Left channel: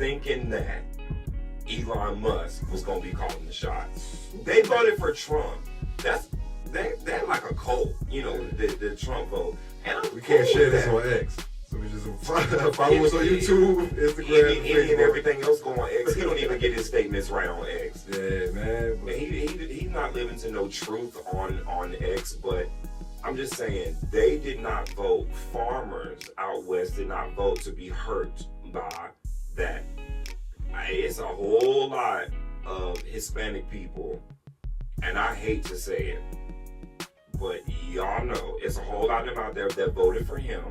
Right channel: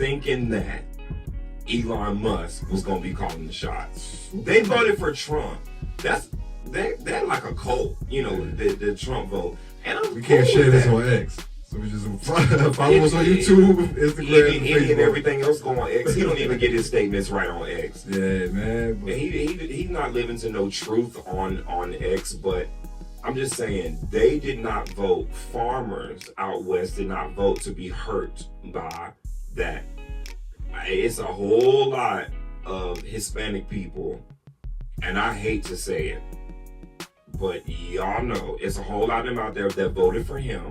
thinking that Elon Musk was gonna be calling the shots. They voted for Trump. They're like a cult, you know, the Trump vote. And we can't share this on X. So we just follow us on YouTube, Instagram, any and everything else go on X. He don't even get his statements right on X. Yeah, man. But he's not living to no truth on X. But I'm just saying, they did not vote. Farmers out west did not vote to be hurt by that. It's a whole lot of Hispanic people, and I hate to say it, but y'all know it's a whole lot of them out there that voted for him,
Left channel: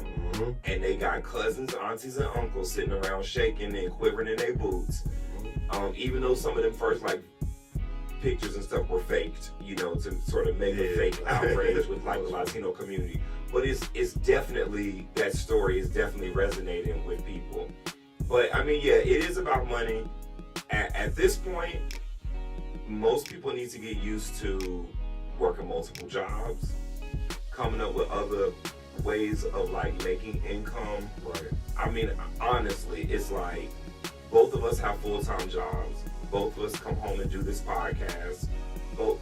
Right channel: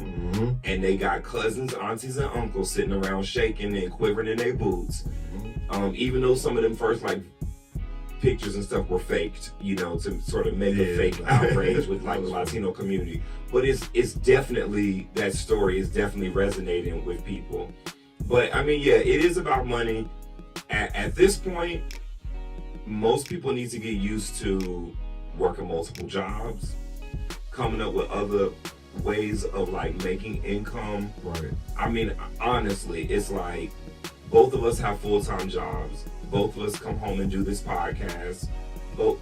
and they got cousins, aunties, and uncles sitting around shaking and quivering in their boots. Even though some of them first like pictures and stuff were faked, you know, to sort of make a fake outrage with like the Latino community. But it's definitely, that story is definitely resonating with people. But I mean, yeah, it is about money. At this point, most people need to get used to working multiple jobs, coming up with other ways of like making income. Right. I mean, honestly, it's like both of us have full-time jobs. Both of us come home and do this podcast.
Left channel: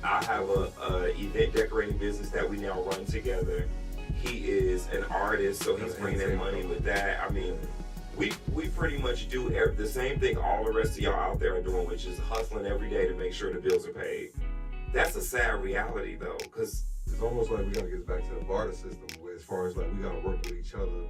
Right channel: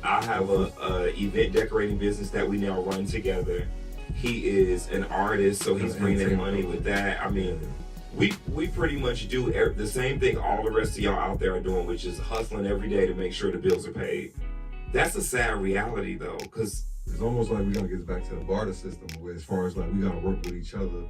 I have a event decorating business that we now run together. He is an artist, so he's bringing in money with that. I mean, we pretty much do the same thing all the rest of y'all out there are doing, which is hustling every day to make sure the bills are paid. That's a sad reality, though, because it's almost like we're gonna get back to the barter system, where as far as like we gotta work with each other.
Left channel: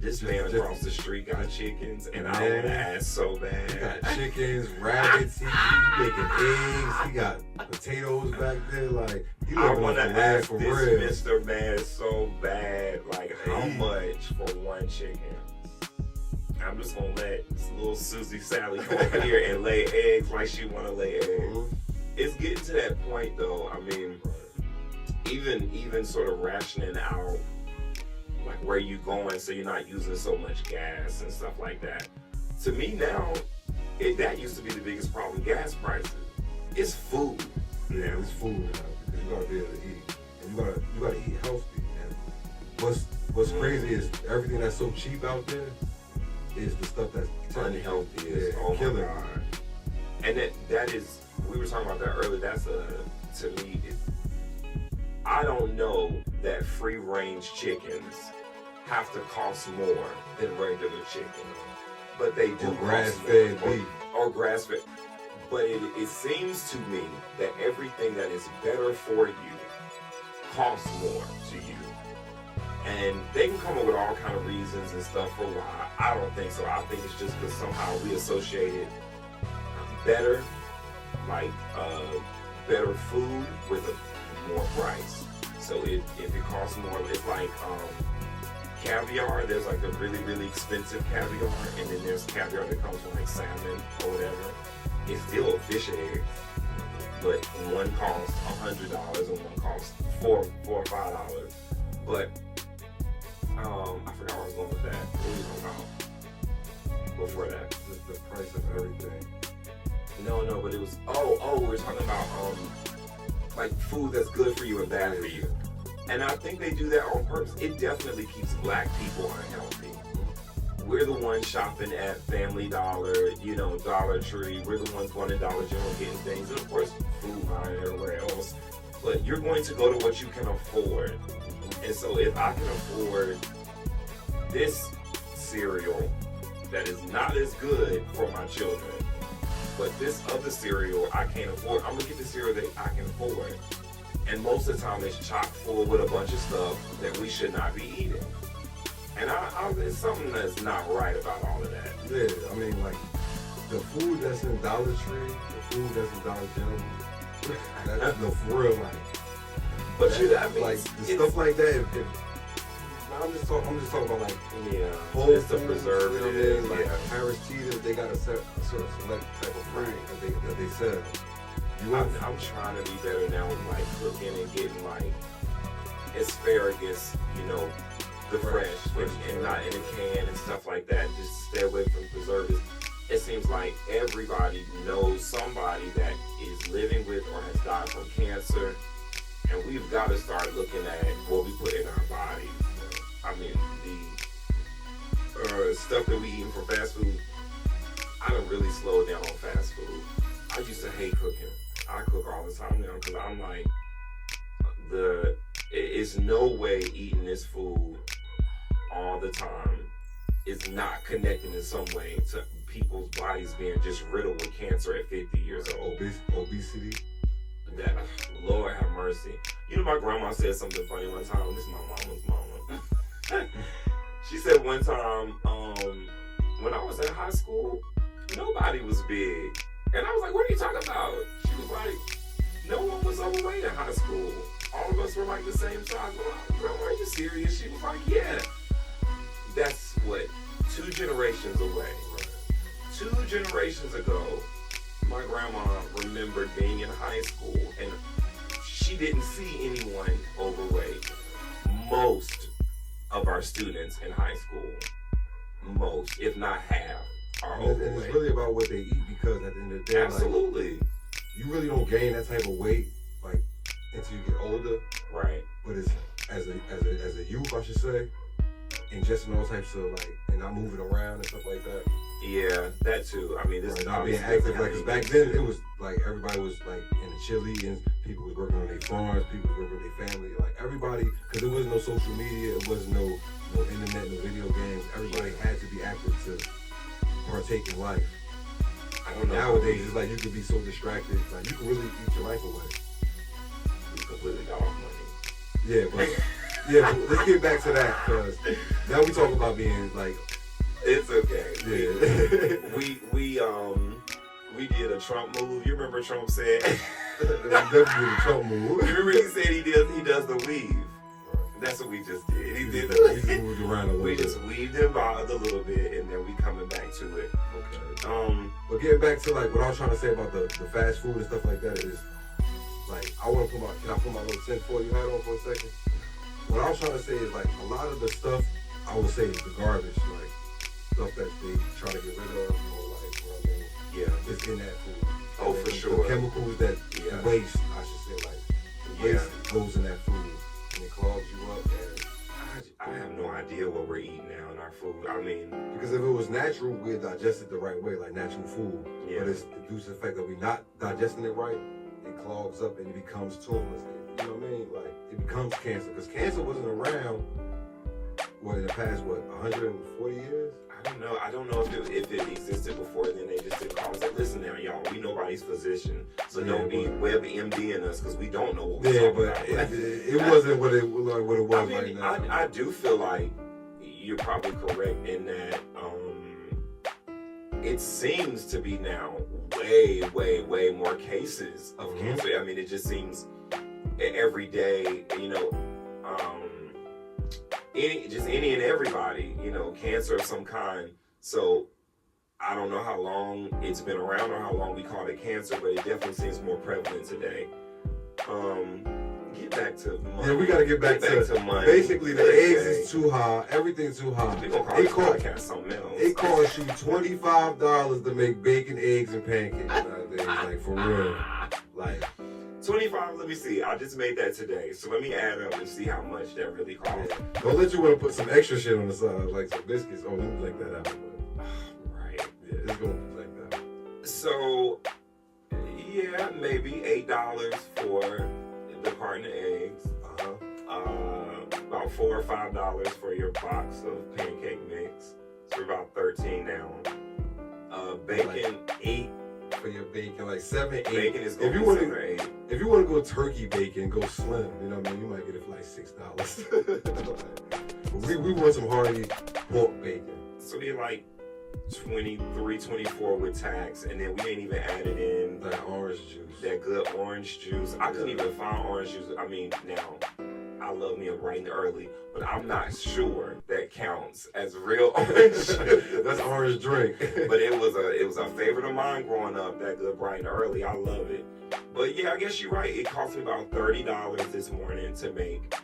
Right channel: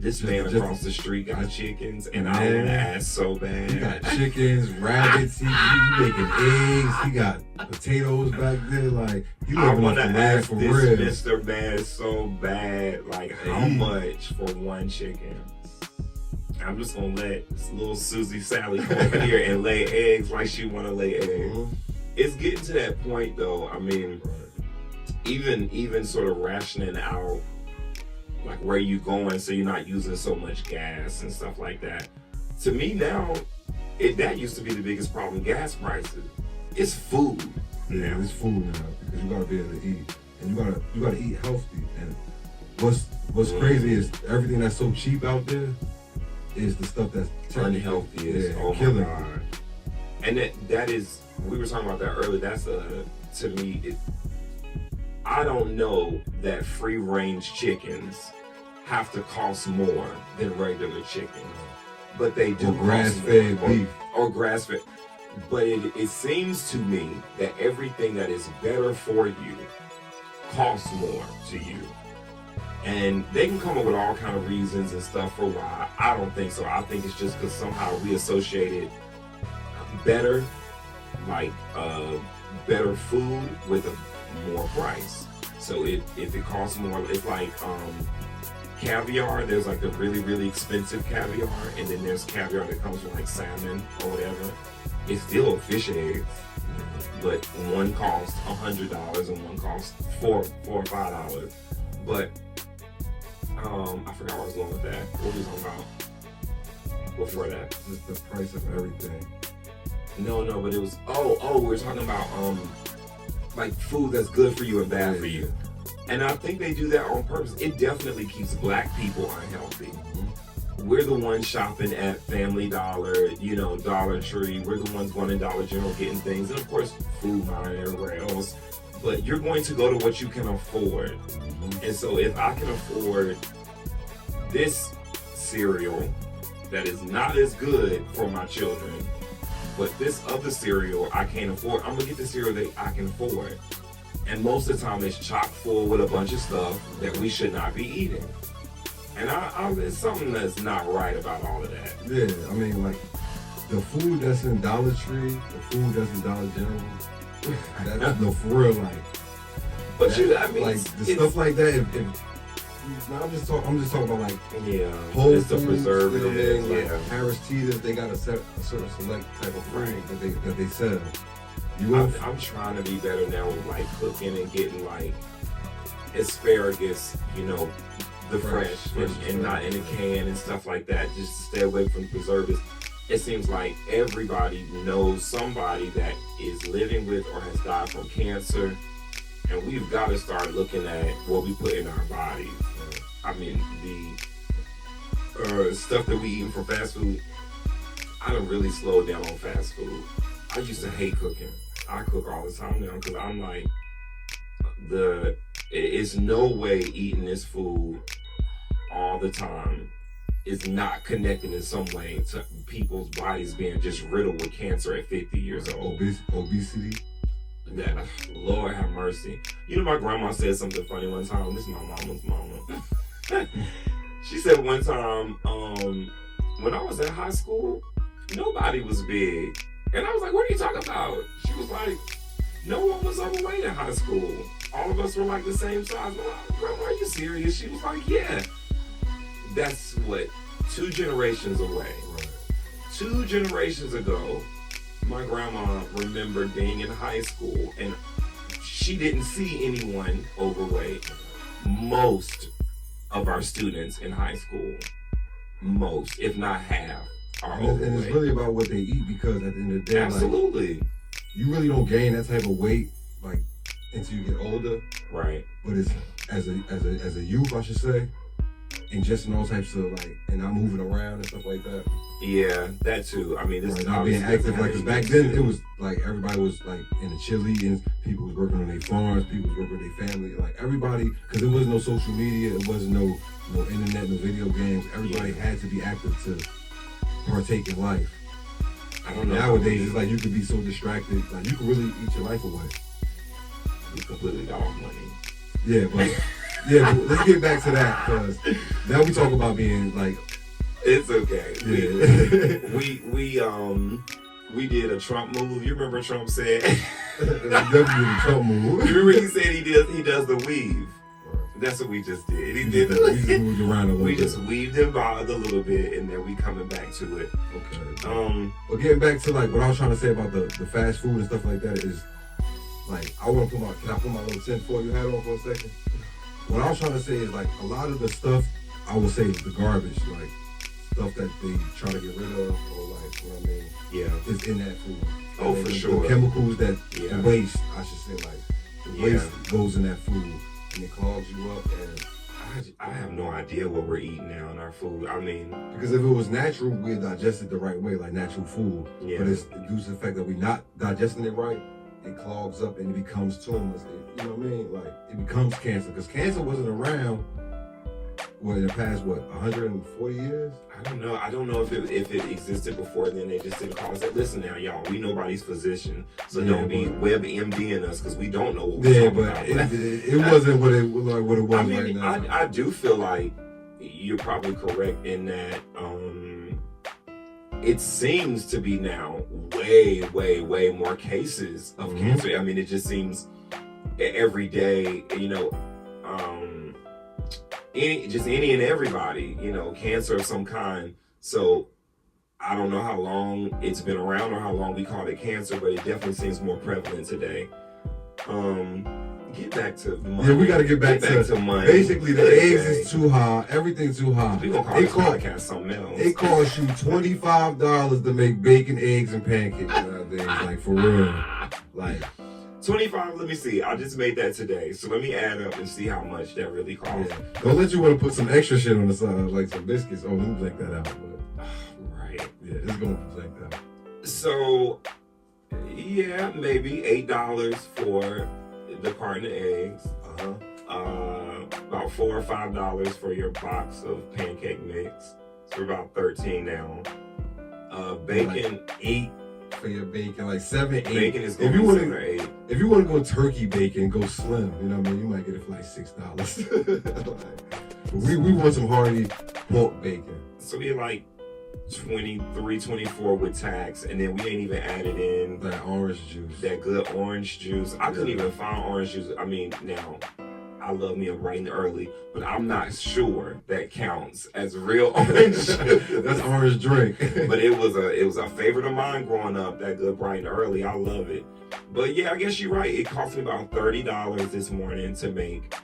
This man across the street got chickens, and I want to ask so bad. He got chickens, rabbits, he making eggs, he got potatoes back there. Like, you I want to ask for this real. Mr. Man so bad, like, how much for one chicken? I'm just gonna let little Susie Sally come over here and lay eggs like she want to lay eggs. It's getting to that point, though. I mean, even sort of rationing out like where you going so you're not using so much gas and stuff like that. To me now, that used to be the biggest problem, gas prices. It's food. Yeah, it's food, because you gotta be able to eat. And you gotta eat healthy. And what's crazy is everything that's so cheap out there is the stuff that's unhealthy. Oh killing. My God. And that is, we were talking about that earlier. That's to me, I don't know that free range chickens have to cost more than regular chickens, but they do. Or grass-fed beef. Or grass-fed. But it seems to me that everything that is better for you costs more to you. And they can come up with all kind of reasons and stuff for why. I don't think so. I think it's just because somehow we associated better, like better food with a more price. So if it costs more, it's like caviar. There's like the really, really expensive caviar, and then there's caviar that comes from like salmon or whatever. It's still fish eggs, but one costs $100 and one costs $4 or $5. But I forgot what I was going with that. What were we talking about before that? The price of everything. No, but it was we're talking about like food that's good for you and bad for you. And I think they do that on purpose. It definitely keeps black people unhealthy. We're the ones shopping at Family Dollar, you know, Dollar Tree. We're the ones going to Dollar General getting things. And of course, food line everywhere else. But you're going to go to what you can afford. And so if I can afford this cereal that is not as good for my children, but this other cereal I can't afford, I'm going to get the cereal that I can afford. And most of the time it's chock full with a bunch of stuff that we should not be eating. And it's something that's not right about all of that. Yeah, I mean, like, the food that's in Dollar Tree, the food that's in Dollar General, that's no, for real, like. But like the stuff like that. I'm just talking about like whole food preservatives, you know what I mean? Like Harris Teeter, they got a certain select type of food that they sell. I'm trying to be better now with like cooking and getting like asparagus, you know, the fresh and not in a can and stuff like that. Just stay away from preservatives. It seems like everybody knows somebody that is living with or has died from cancer. And we've got to start looking at what we put in our body. I mean, the stuff that we eat from fast food, done really slowed down on fast food. I used to hate cooking. I cook all the time now because I'm like, it's no way eating this food all the time is not connected in some way to people's bodies being just riddled with cancer at 50 years old. Obesity. That, Lord have mercy. You know, my grandma said something funny one time. This is my mama's mama. She said one time, when I was in high school, nobody was big. And I was like, what are you talking about? She was like, no one was overweight in high school. All of us were like the same size. I'm like, Grandma, are you serious? She was like, yeah. That's what, 2 generations away. 2 generations ago, my grandma remembered being in high school and she didn't see anyone overweight. Most of our students in high school, most, if not half, are overweight. And it's really about what they eat because at the end of the day, absolutely, like, you really don't gain that type of weight like until you get older. Right. But it's as a youth, I should say, ingesting all types of like, and not moving around and stuff like that. Yeah, that too. I mean, this is not being active, like, cause back then it was like everybody was like in the chili and people was working on their farms, people was working with their family, like everybody, cause there was no social media, it wasn't no internet, no video games. Everybody had to be active to partake in life. I don't know. Nowadays, it's like you can be so distracted, like you can really eat your life away. You completely dog money. Yeah, but let's get back to that, cause now we talk about being like. It's okay. Yeah. We did a Trump move. You remember Trump said? W Trump move. You remember he said he does the weave. That's what we just did. He did. We just moved around a little bit. We just weaved and bobbed a little bit, and then we coming back to it. Okay. But getting back to like what I was trying to say about the fast food and stuff like that is like I want to can I put my little 10-4 hat on for a second? What I was trying to say is like a lot of the stuff I would say is the garbage, like stuff that they trying to get rid of, or like, you know what I mean? Yeah. It's in that food. Oh, for sure. The chemicals that the waste, I should say, like, the waste goes in that food, and it clogs you up, and I have no idea what we're eating now in our food. I mean, because if it was natural, we'd digest it the right way, like natural food. Yeah. But it's due to the fact that we're not digesting it right, it clogs up and it becomes tumors. You know what I mean? Like, it becomes cancer, because cancer wasn't around, in the past, 140 years? I don't know if it existed before then. They just didn't call us. Listen now, y'all. We nobody's physician, so don't be WebMDing us because we don't know what we're talking about. It wasn't what it was I mean, right now. I do feel like you're probably correct in that. It seems to be now way more cases of cancer. I mean, it just seems every day. You know. Any and everybody, you know, cancer of some kind. So I don't know how long it's been around or how long we call it cancer, but it definitely seems more prevalent today. Get back to money. Yeah, we gotta get back to money. Basically, the eggs is too high. Everything's too high. We gonna call this podcast something else. It costs you $25 to make bacon, eggs, and pancakes nowadays. Like, for real. Like. 25, let me see. I just made that today. So let me add up and see how much that really costs. Yeah. Don't let you want to put some extra shit on the side, like some biscuits. Oh, let me blank that out. But, right. Yeah, it's going to blank that. So, yeah, maybe $8 for the carton of eggs. About $4 or $5 for your box of pancake mix. So about 13 now. Bacon, 8. For your bacon, like 7, 8. Bacon is going to be 7 or 8. If you want to go turkey bacon, go slim. You know what I mean? You might get it for like $6. we want some hearty pork bacon. So you're like 23, 24 with tax, and then we ain't even added in that orange juice. That good orange juice. I couldn't even find orange juice. I mean, now I love me a bright and early, but I'm not sure that counts as real orange juice. That's orange drink. But it was a favorite of mine growing up, that good bright and early. I love it. But yeah, I guess you're right. It cost me about $30 this morning to make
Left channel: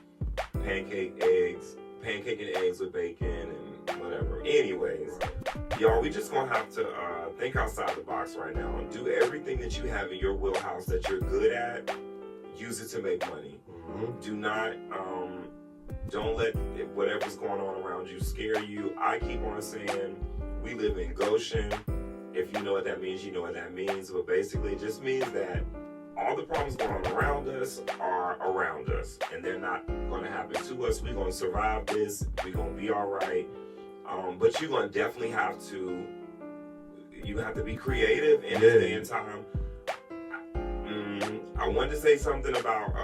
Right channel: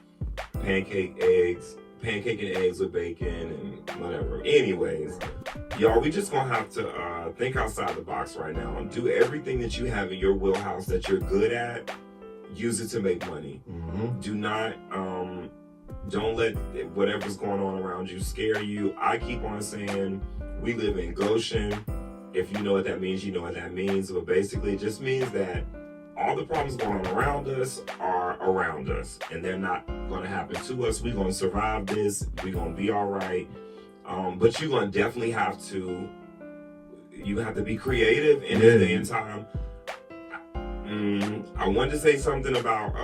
pancake and eggs with bacon and whatever. Anyways, y'all, we just gonna have to think outside the box right now and do everything that you have in your wheelhouse that you're good at. Use it to make money. Do not, don't let whatever's going on around you scare you. I keep on saying we live in Goshen. If you know what that means, you know what that means. But basically, it just means that all the problems going around us are around us, and they're not going to happen to us. We're going to survive this. We're going to be all right. But you're going to definitely have to. You have to be creative in this day and time. I wanted to say something about.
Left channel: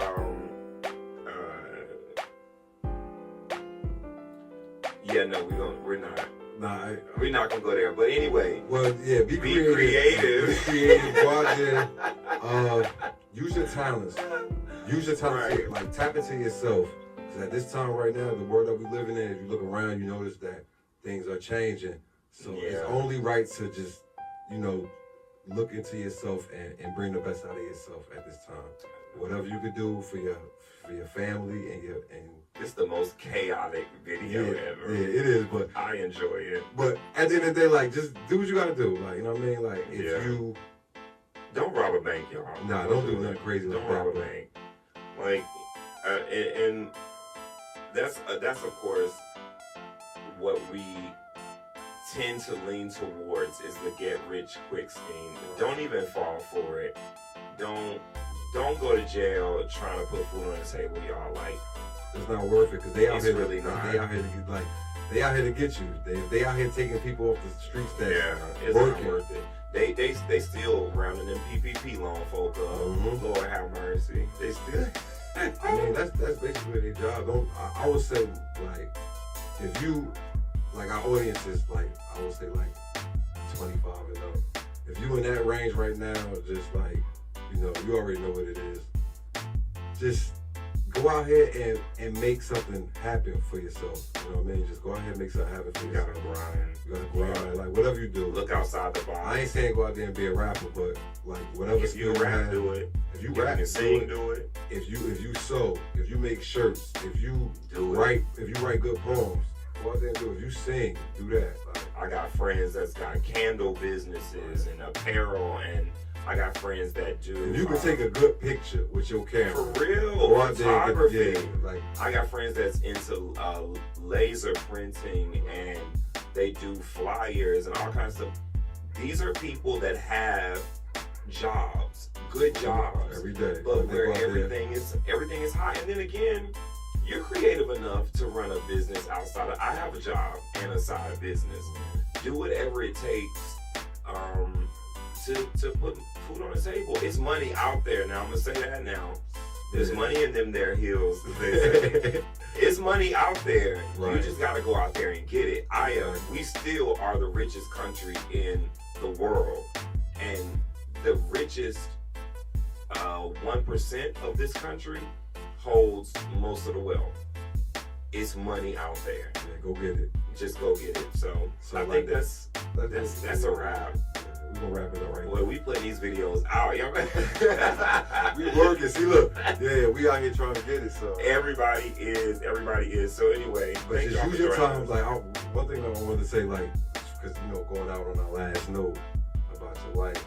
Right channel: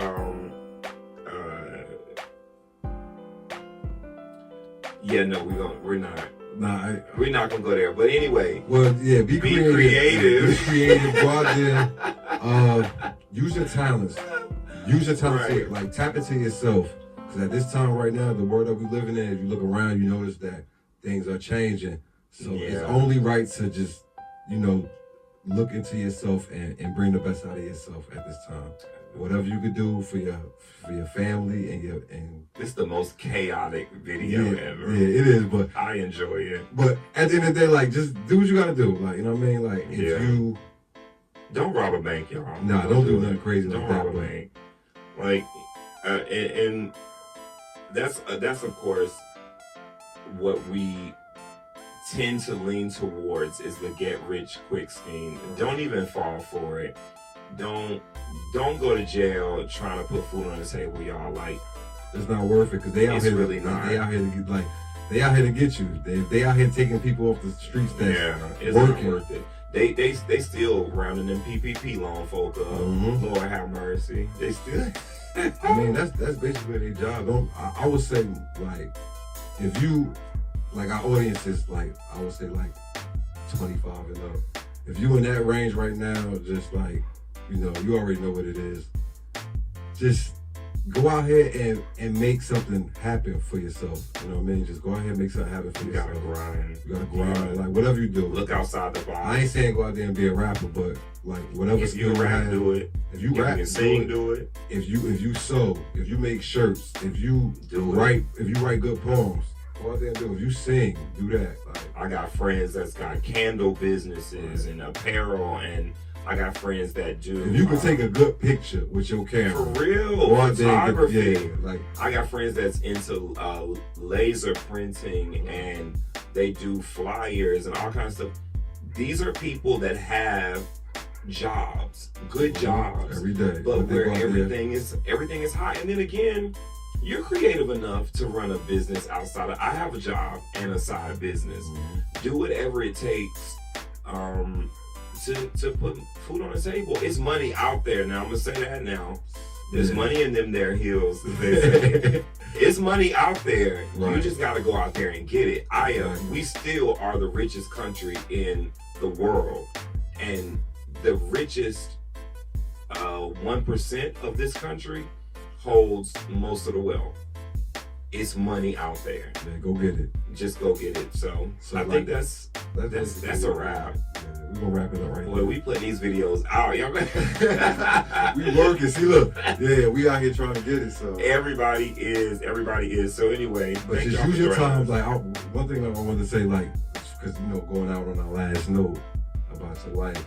We're not. Nah, we're not gonna go there. But anyway, well, yeah, be creative. Be creative. Go out there. Use your talents. Use your talents. Right. Like tap into yourself. Because at this time right now, the world that we living in, if you look around, you notice that things are changing. So it's only right to just, look into yourself and bring the best out of yourself at this time. Whatever you could do for your family and it's the most chaotic video ever. Yeah, it is, but I enjoy it. But at the end of the day, like, just do what you gotta do. Like, you know what I mean? Like, if you don't rob a bank, y'all. Nah, don't do nothing crazy like that. Don't rob a bank. Like, and that's of course what we tend to lean towards is the get rich quick scheme. Don't even fall for it. Don't go to jail trying to put food on the table, y'all. Like, it's not worth it because they out here. Really not. They out here to get they out here to get you. They out here taking people off the streets. It's not worth it. They still rounding them PPP loan folk up. Lord have mercy. They still. I mean, that's basically their job. I would say, like, if you, like, our audience is like, I would say like 25 and up. If you in that range right now, just like, you already know what it is. Just go out here and make something happen for yourself. You know what I mean? Just go out here and make something happen for yourself. You gotta grind. Like, whatever you do. Look outside the box. I ain't saying go out there and be a rapper, but like whatever if you rap, do it. If you rap, you sing, do it. If you sew, if you make shirts, if you write good poems, go out there and do it. If you sing, do that. Like, I got friends that's got candle businesses and apparel, and I got friends that do. If you can take a good picture with your camera, for real, photography. Like, I got friends that's into laser printing, and they do flyers and all kinds of stuff. These are people that have jobs, good jobs, every day, but where everything is high. And then again, you're creative enough to run a business outside of. I have a job and a side business. Do whatever it takes to put food on the table. It's money out there now. I'm gonna say that now. There's money in them there hills. It's money out there. Right. You just gotta go out there and get it. We still are the richest country in the world, and the richest 1% of this country holds most of the wealth. It's money out there. Yeah, go get it. Just go get it. So I think that's a wrap. We're gonna wrap it up right now. Well, we play these videos out, y'all. We working. See, look. Yeah, we out here trying to get it. So everybody is. So anyway, but just use your time. Like, one thing I wanted to say, like, because going out on our last note about your life,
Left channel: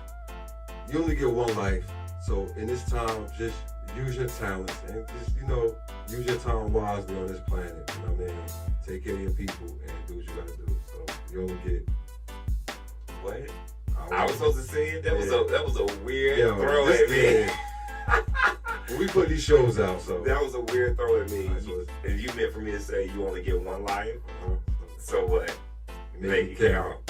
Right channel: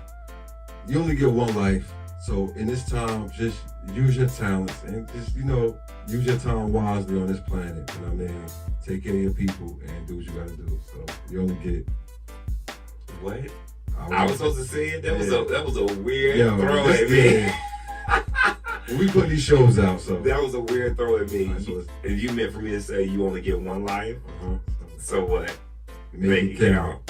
you only get one life. So in this time, just use your talents and just use your time wisely on this planet. You know what I mean? Take care of your people and do what you gotta do. So you only get what? I was supposed to say it. That was a weird throw at me. We put these shows out, so that was a weird throw at me. If you meant for me to say you only get one life, so what? Make it count.